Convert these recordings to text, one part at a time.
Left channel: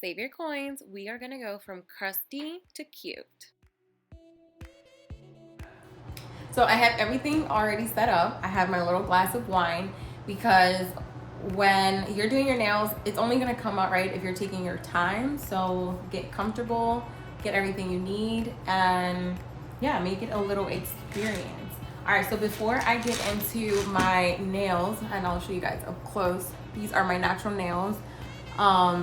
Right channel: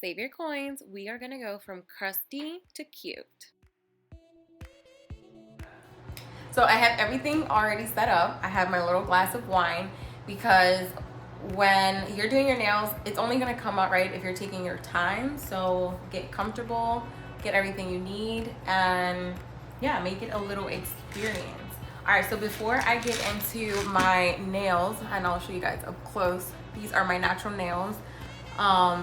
Save your coins. We are gonna go from crusty to cute. So I have everything already set up. I have my little glass of wine because when you're doing your nails, it's only gonna come out right if you're taking your time. So get comfortable, get everything you need, and yeah, make it a little experience. All right, so before I get into my nails, and I'll show you guys up close, these are my natural nails.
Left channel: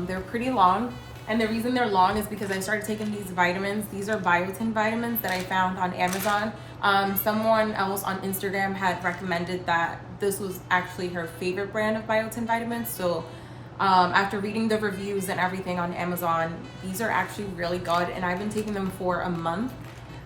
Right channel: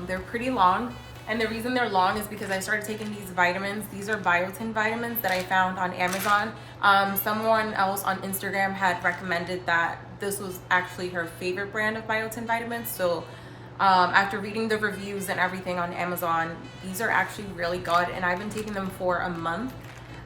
They're pretty long. And the reason they're long is because I started taking these vitamins. These are biotin vitamins that I found on Amazon. Someone else on Instagram had recommended that this was actually her favorite brand of biotin vitamins. So after reading the reviews and everything on Amazon, these are actually really good. And I've been taking them for a month.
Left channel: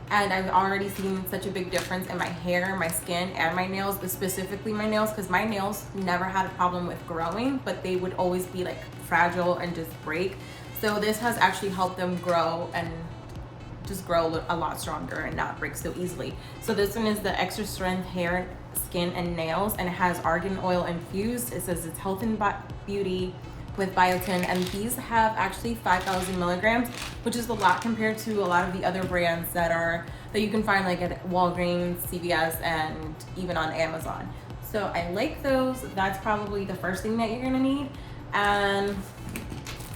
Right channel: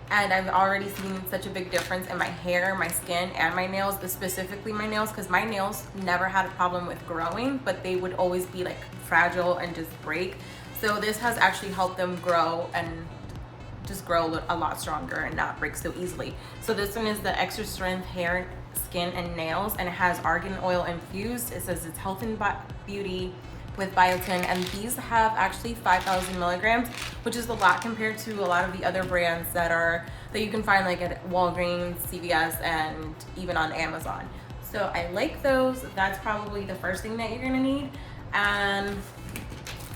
And I've already seen such a big difference in my hair, my skin, and my nails, specifically my nails, because my nails never had a problem with growing, but they would always be like fragile and just break. So this has actually helped them grow and just grow a lot stronger and not break so easily. So this one is the extra strength hair, skin, and nails, and it has argan oil infused. It says it's health and beauty with biotin, and these have actually 5,000 milligrams, which is a lot compared to a lot of the other brands that you can find like at Walgreens, CVS, and even on Amazon. So I like those. That's probably the first thing that you're gonna need. And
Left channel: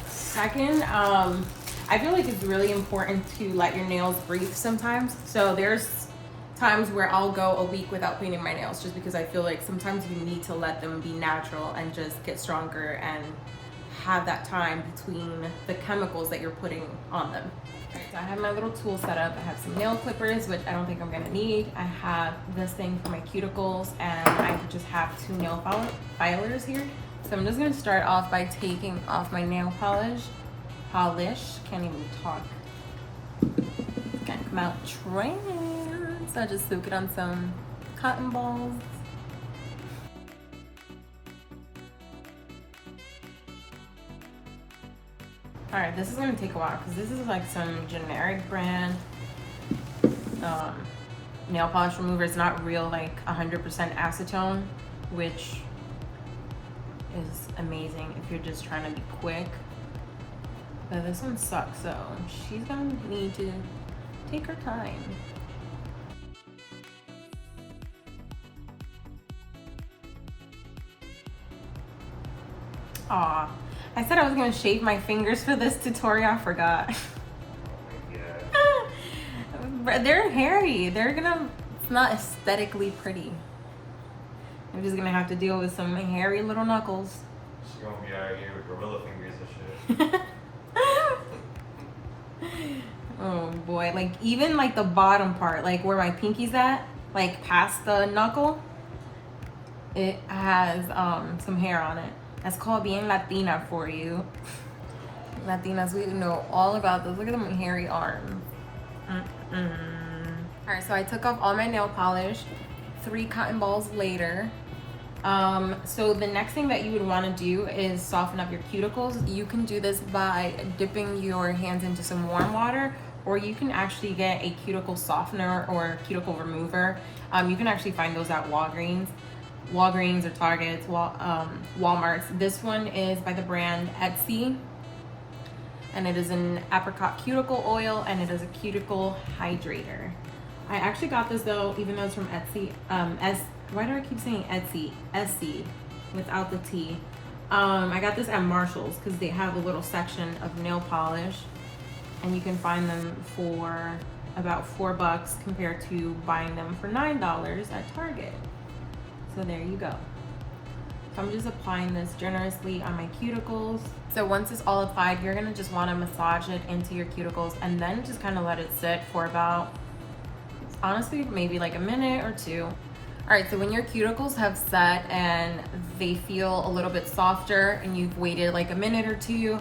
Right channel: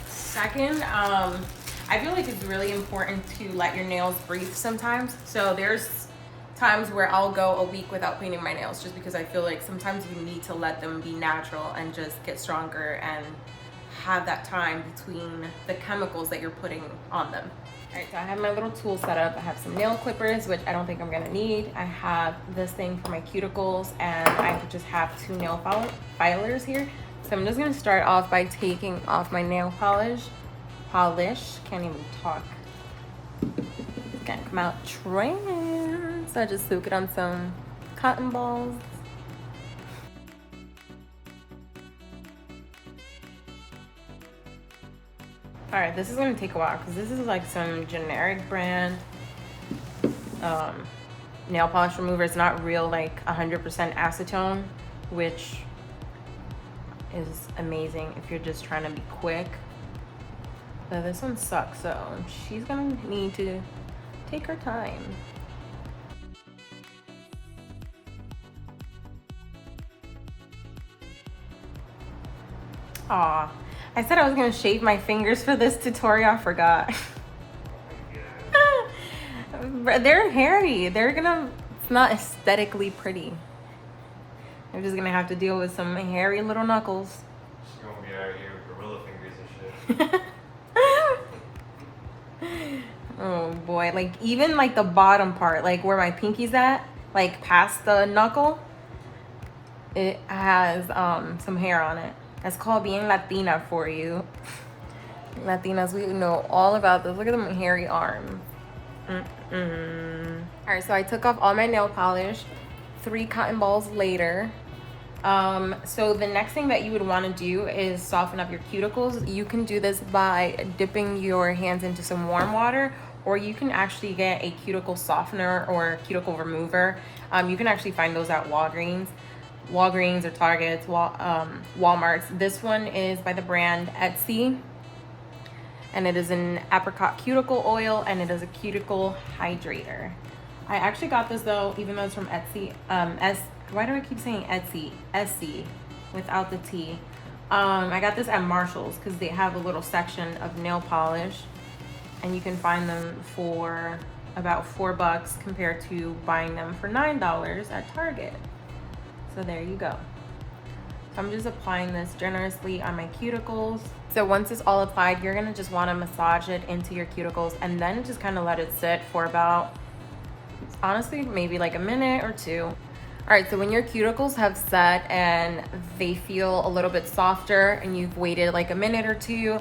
second, I feel like it's really important to let your nails breathe sometimes. So there's times where I'll go a week without painting my nails just because I feel like sometimes you need to let them be natural and just get stronger and have that time between the chemicals that you're putting on them. All right, so I have my little tool set up. I have some nail clippers, which I don't think I'm gonna need. I have this thing for my cuticles, and I just have 2 nail filers here. So I'm just gonna start off by taking off my nail polish. Can't even talk. Gotta come out trans. So I just soak it on some cotton balls. All right, this is gonna take a while because this is like some generic brand nail polish remover. It's not real, like 100% acetone, which is amazing if you're just trying to be quick. But this one sucks, so she's gonna need to take her time. Aw, I said I was gonna shave my fingers for this tutorial, I forgot. They're hairy. It's not aesthetically pretty. I'm just gonna have to deal with some hairy little knuckles. She's gonna be out here with gorilla fingers and shit. Oh boy, like even like the bottom part, like where my pinky's at, like past the knuckle, it has some hair on it. That's called being Latina for you. Latinas, we know all about this. Look at them hairy arms. All right, so I took off all my nail polish 3 cotton balls later. So the next thing that you would want to do is soften up your cuticles. You can do this by dipping your hands into some warm water, or you can actually get a cuticle softener or cuticle remover. You can actually find those at Walgreens or Targets, Walmart's. This one is by the brand Etsy, and it is an apricot cuticle oil, and it is a cuticle hydrator. I actually got this though, even though it's from Etsy. Why do I keep saying Etsy? Etsy, without the T. I got this at Marshall's because they have a little section of nail polish, and you can find them for about $4 compared to buying them for $9 at Target. So there you go. So I'm just applying this generously on my cuticles. So once it's all applied, you're gonna just wanna massage it into your cuticles and then just kind of let it sit for about, honestly, maybe like a minute or 2. All right, so when your cuticles have set and they feel a little bit softer and you've waited like a minute or 2,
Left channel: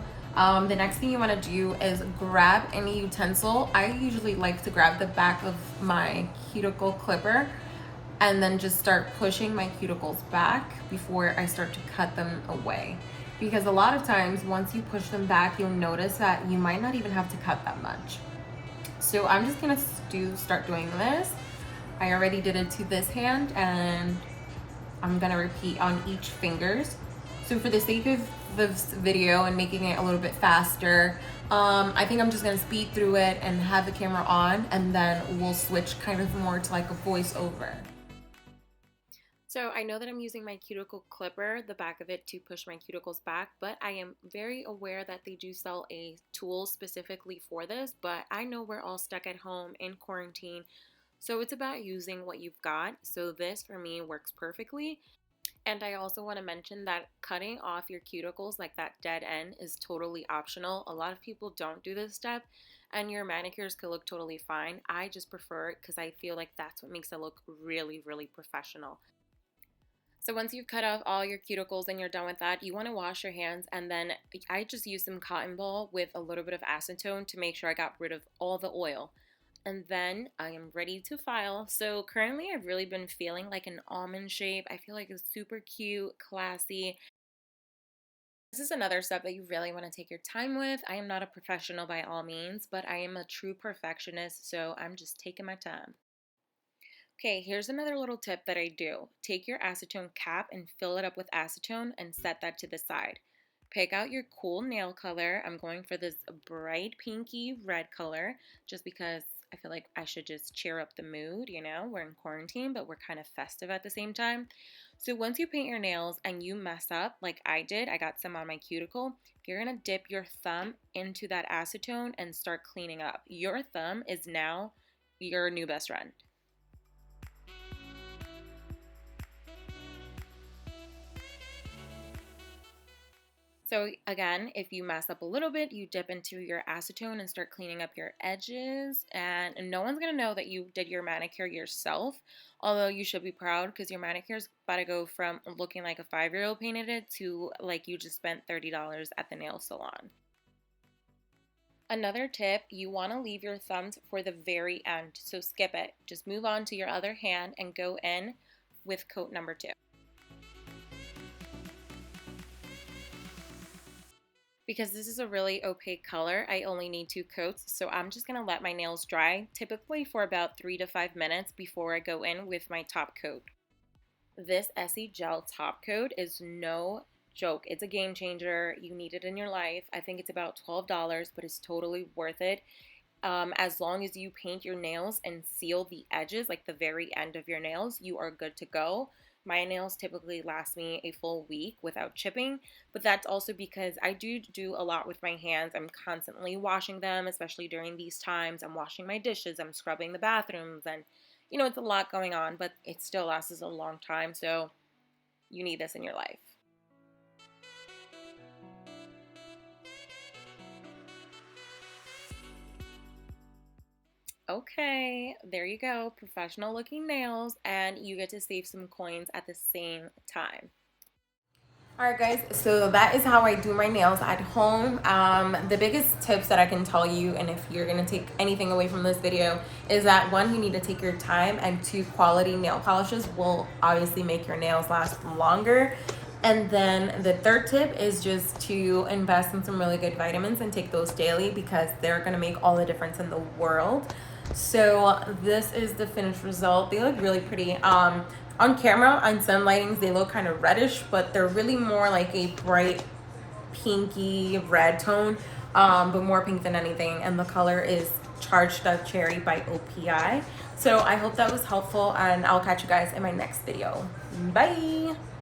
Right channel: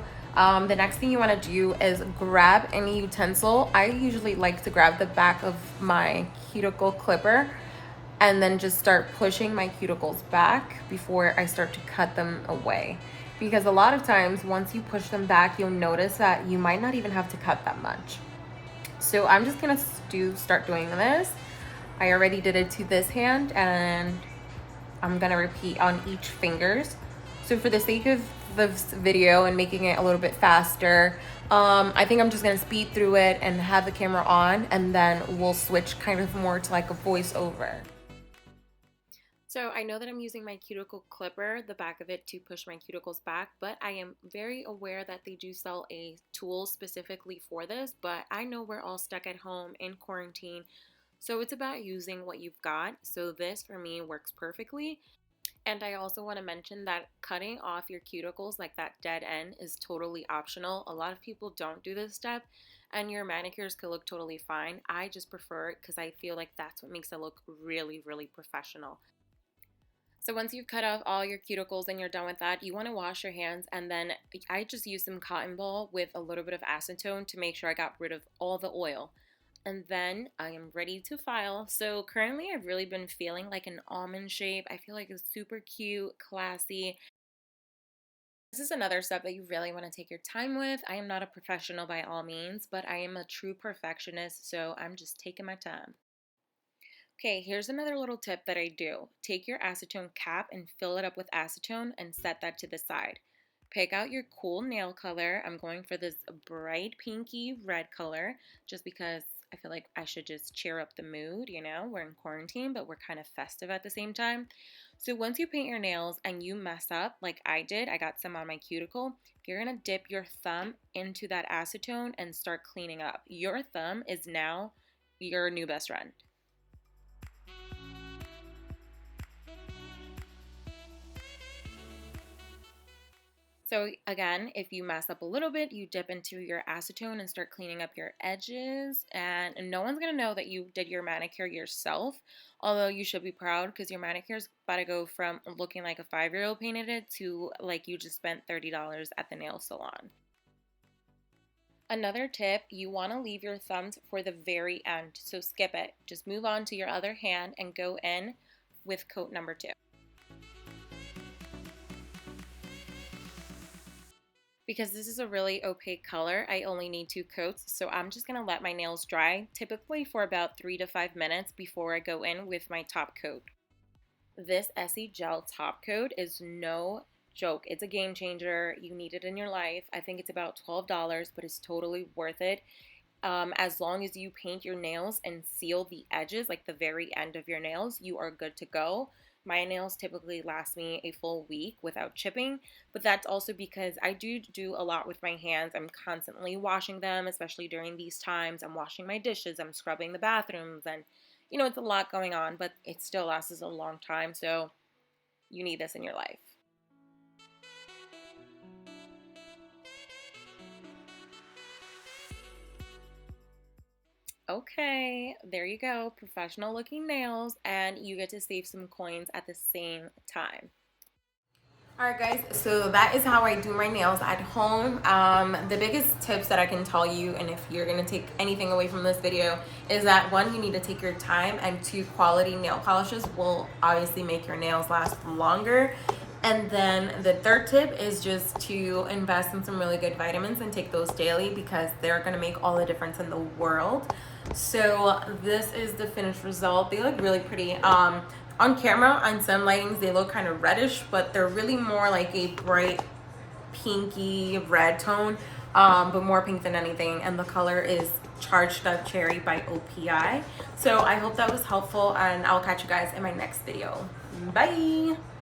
the next thing you wanna do is grab any utensil. I usually like to grab the back of my cuticle clipper and then just start pushing my cuticles back before I start to cut them away. Because a lot of times, once you push them back, you'll notice that you might not even have to cut that much. So I'm just gonna start doing this. I already did it to this hand, and I'm gonna repeat on each fingers. So for the sake of this video and making it a little bit faster, I think I'm just gonna speed through it and have the camera on, and then we'll switch kind of more to like a voiceover. So I know that I'm using my cuticle clipper, the back of it, to push my cuticles back, but I am very aware that they do sell a tool specifically for this, but I know we're all stuck at home in quarantine, so it's about using what you've got. So this for me works perfectly. And I also want to mention that cutting off your cuticles, like that dead end, is totally optional. A lot of people don't do this step, and your manicures could look totally fine. I just prefer it because I feel like that's what makes it look really, really professional. So once you've cut off all your cuticles and you're done with that, you want to wash your hands, and then I just use some cotton ball with a little bit of acetone to make sure I got rid of all the oil. And then I am ready to file. So currently I've really been feeling like an almond shape. I feel like it's super cute, classy. This is another step that you really want to take your time with. I am not a professional by all means, but I am a true perfectionist, so I'm just taking my time. Okay, here's another little tip that I do. Take your acetone cap and fill it up with acetone and set that to the side. Pick out your cool nail color. I'm going for this bright pinky red color just because I feel like I should just cheer up the mood, you know? We're in quarantine, but we're kind of festive at the same time. So once you paint your nails and you mess up like I did, I got some on my cuticle, you're going to dip your thumb into that acetone and start cleaning up. Your thumb is now your new best friend. So again, if you mess up a little bit, you dip into your acetone and start cleaning up your edges, and no one's going to know that you did your manicure yourself, although you should be proud because your manicure is about to go from looking like a 5-year-old painted it to like you just spent $30 at the nail salon. Another tip, you want to leave your thumbs for the very end, so skip it. Just move on to your other hand and go in with coat number 2. Because this is a really opaque color, I only need 2 coats, so I'm just going to let my nails dry, typically for about 3 to 5 minutes before I go in with my top coat. This Essie Gel top coat is no joke. It's a game changer. You need it in your life. I think it's about $12, but it's totally worth it. As long as you paint your nails and seal the edges, like the very end of your nails, you are good to go. My nails typically last me a full week without chipping, but that's also because I do a lot with my hands. I'm constantly washing them, especially during these times. I'm washing my dishes, I'm scrubbing the bathrooms, and you know, it's a lot going on, but it still lasts a long time, so you need this in your life. Okay, there you go. Professional looking nails, and you get to save some coins at the same time. Alright guys, so that is how I do my nails at home. The biggest tips that I can tell you, and if you're going to take anything away from this video, is that 1, you need to take your time, and 2, quality nail polishes will obviously make your nails last longer. And then the third tip is just to invest in some really good vitamins and take those daily because they're going to make all the difference in the world. So this is the finished result. They look really pretty. On camera, on some lightings, they look kind of reddish, but they're really more like a bright pinky red tone, but more pink than anything. And the color is Charged Up Cherry by OPI. So I hope that was helpful, and I'll catch you guys in my next video. Bye!